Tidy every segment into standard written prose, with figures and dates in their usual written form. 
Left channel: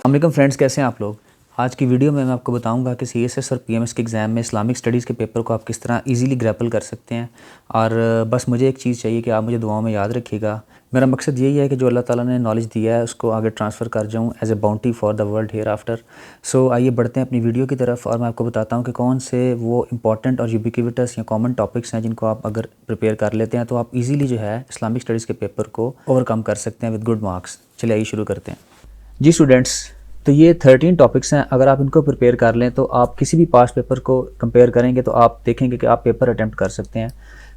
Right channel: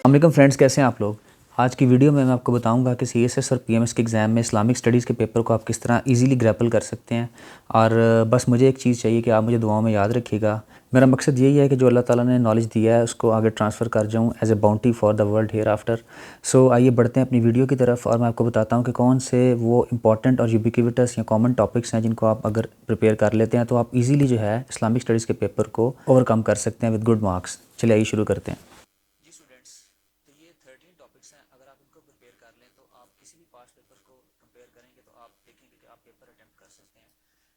अस्सलाम फ्रेंड्स, कैसे हैं आप लोग। आज की वीडियो में मैं आपको बताऊंगा कि CSS और PMS के एग्ज़ाम में इस्लामिक स्टडीज़ के पेपर को आप किस तरह इजीली ग्रैपल कर सकते हैं। और बस मुझे एक चीज़ चाहिए कि आप मुझे दुआओं में याद रखिएगा। मेरा मकसद यही है कि जो अल्लाह ताला ने नॉलेज दिया है उसको आगे ट्रांसफ़र कर जाऊँ as a bounty for the world hereafter. So आइए बढ़ते हैं अपनी वीडियो की तरफ और मैं आपको बताता हूँ कि कौन से वो इंपॉर्टेंट और यूबिक्विटस या कॉमन टॉपिक्स हैं जिनको आप अगर प्रिपेयर कर लेते हैं तो आप ईज़िली जो है इस्लामिक स्टडीज़ के पेपर को ओवरकम कर सकते हैं विद गुड मार्क्स। चलिए आइए शुरू करते हैं। जी स्टूडेंट्स, तो ये 13 टॉपिक्स हैं। अगर आप इनको प्रिपेयर कर लें तो आप किसी भी पास पेपर को कंपेयर करेंगे तो आप देखेंगे कि आप पेपर अटैम्प्ट कर सकते हैं।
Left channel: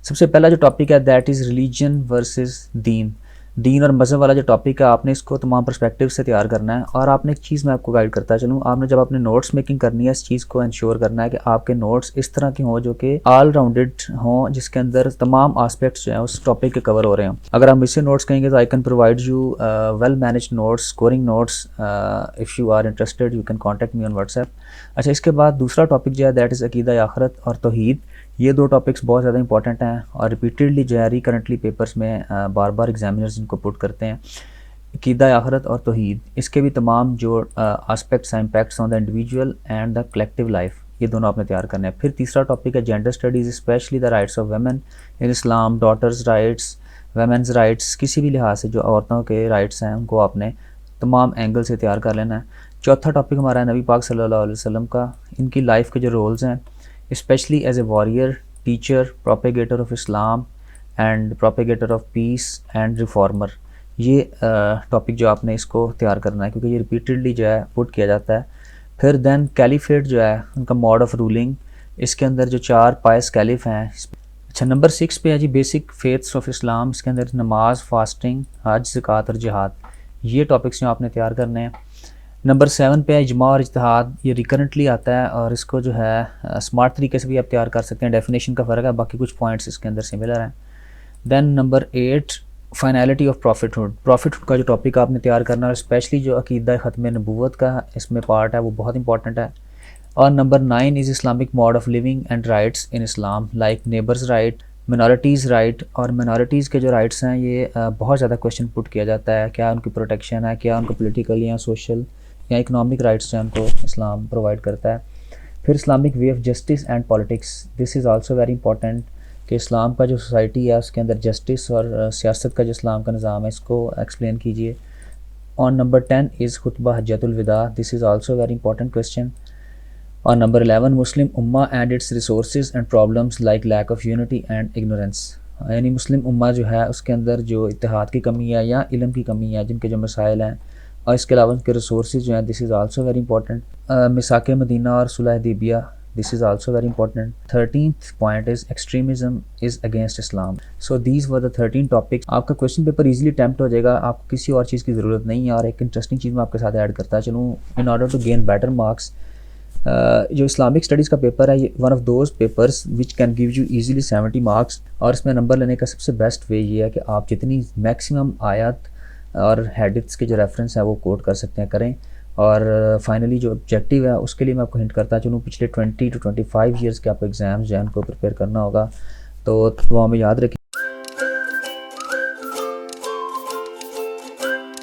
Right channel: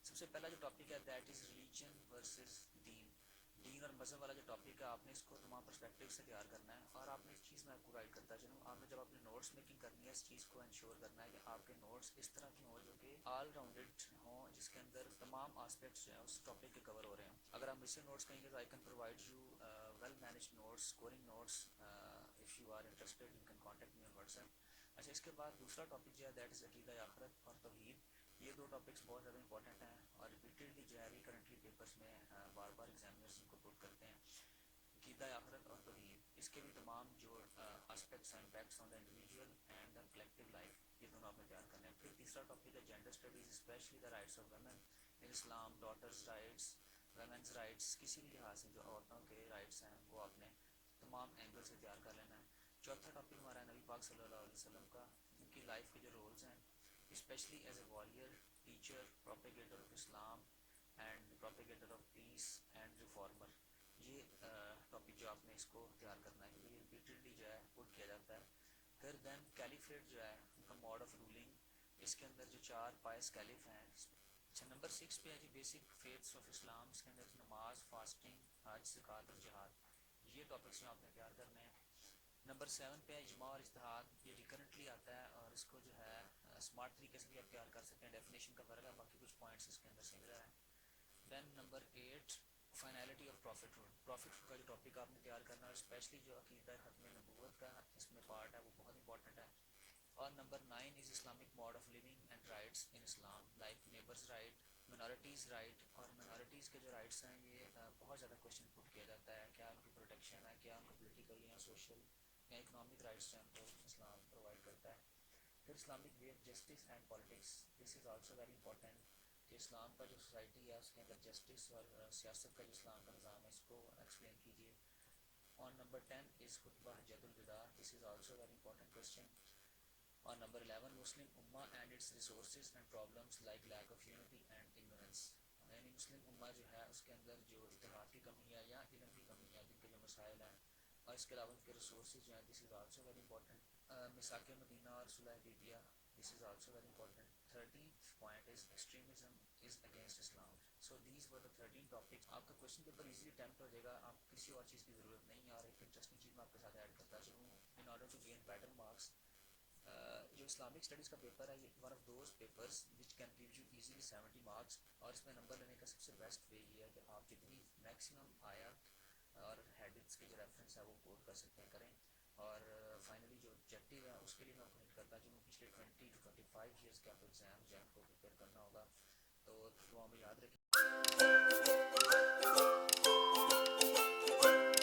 सबसे पहला जो टॉपिक है दैट इज़ रिलीजन वर्सेस दीन। दीन और मज़हब वाला जो टॉपिक है आपने इसको तमाम पर्सपेक्टिव से तैयार करना है। और आपने एक चीज़ मैं आपको गाइड करता चलूँ, आपने जब अपने नोट्स मेकिंग करनी है इस चीज़ को इंश्योर करना है कि आपके नोट्स इस तरह के हों जो कि ऑल राउंडेड हों, जिसके अंदर तमाम आस्पेक्ट्स जो हैं उस टॉपिक के कवर हो रहे हों। अगर आप मुझसे नोट्स कहेंगे तो I can provide you well managed notes, scoring notes. If you are interested you can contact me on WhatsApp. अच्छा, इसके बाद दूसरा टॉपिक जो है दैट इज़ अकीदा आखरत और तौहीद। ये दो टॉपिक्स बहुत ज़्यादा इंपॉर्टेंट हैं और रिपीटेडली जो है रिकरेंटली पेपर्स में बार बार एग्जामिनर्स इनको पुट करते हैं। अकीदा आखरत और तौहीद, इसके भी तमाम जो आस्पेक्ट्स हैं, impacts on the individual and the collective life, ये दोनों आपने तैयार करने हैं। फिर तीसरा टॉपिक है gender studies, specially the rights of women in Islam, daughters rights, women's rights, किसी भी लिहाज से जो औरतों के राइट्स हैं उनको आपने तमाम एंगल से तैयार कर लेना है। चौथा टॉपिक हमारा है नबी पाक सल्लल्लाहु अलैहि वसल्लम का, इनकी लाइफ के जो रोल्स हैं, especially as a warrior, teacher, propagator of Islam and propagator of peace and reformer। ये टॉपिक जो आपने इसको तैयार करना है क्योंकि ये रिपीटेडली जो है पुट किया जाता है। फिर देन कैलिफेट जो है उनका मोड ऑफ रूलिंग, इसके अंदर जो 4 पायस कैलिफ हैं। अच्छा, नंबर 6 पे है जी बेसिक फेथ्स ऑफ इस्लाम, इसके अंदर नमाज, फास्टिंग, हज, ज़कात और जिहाद, ये टॉपिक्स जो आपने तैयार करने हैं। नंबर 7 पे है इजमा और इज्तिहाद, ये रिकरेंटली आता है और इसको जो है स्मार्ट तरीके से भी आप तैयार कर सकते हैं। डेफिनेशन का फ़र्क है, बाकी कुछ पॉइंट्स इसके अंदर सिमिलर हैं। Then number 8 finality of prophethood. Prophethood का जो टॉपिक आपने तैयार करना है, स्पेशली जो अकीदा ख़त्म नबूवत का इसमें पार्ट है वो बहुत इंपॉर्टेंट है। और number 9 is Islamic mode of living and rights in Islam, like neighbours right, minorities right. और मिनॉरिटीज़ के जो राइट्स हैं ये बहुत ज़्यादा क्वेश्चन पुट किया जाता है, क्या उनकी प्रोटेक्शन है, क्या उनको पोलिटिकल या सोशल या इकोनॉमिक राइट्स जो उनको इस्लाम प्रोवाइड करता है। फिर Islamic way of justice and politics, this is also very important कि इस्लाम का जो सोसाइटी है उसके अंदर जस्टिस और सियासत का जो इस्लाम का निज़ाम है इसको एक्सप्लेन कीजिए। ऑन नंबर 10 इज़ खुतबा हज्जतुल विदा, this is also very important question. और number 11 Muslim ummah and its resources and problems like lack of unity and ignorance, यानी मुस्लिम उम्मा जो है उसके अंदर जो इत्तेहाद की कमी है या इल्म की कमी है, जिनके जो मसाइल हैं, और इसके अलावा उनके रिसोर्सेज जो हैं, this is also very important. मिसाक मदीना और सुलह हुदैबिया, this is also very important. 13th point is extremism is against Islam. So these were the 13 topics. आपका क्वेश्चन पेपर इजीली अटैम्प्ट हो जाएगा, आपको किसी और चीज़ की ज़रूरत नहीं है। और एक इंटरेस्टिंग चीज़ मैं आपके साथ ऐड करता चलूँ, in order to gain better marks, जो इस्लामिक स्टडीज़ का पेपर है ये one of those papers which can give you easily 70 marks. और इसमें नंबर लेने का सबसे बेस्ट वे ये है कि आप जितनी मैक्सिमम आयत और हैडिथ्स के जो रेफरेंस है वो कोट कर सकते हैं करें। और फाइनली जो ऑब्जेक्टिव है उसके लिए मैं आपको हिंट करता चलूँ, पिछले 20 to 25 ईयर्स के आपको एग्ज़ाम्स जो है उनको प्रिपेयर करना होगा। तो वो हमें याद रखें।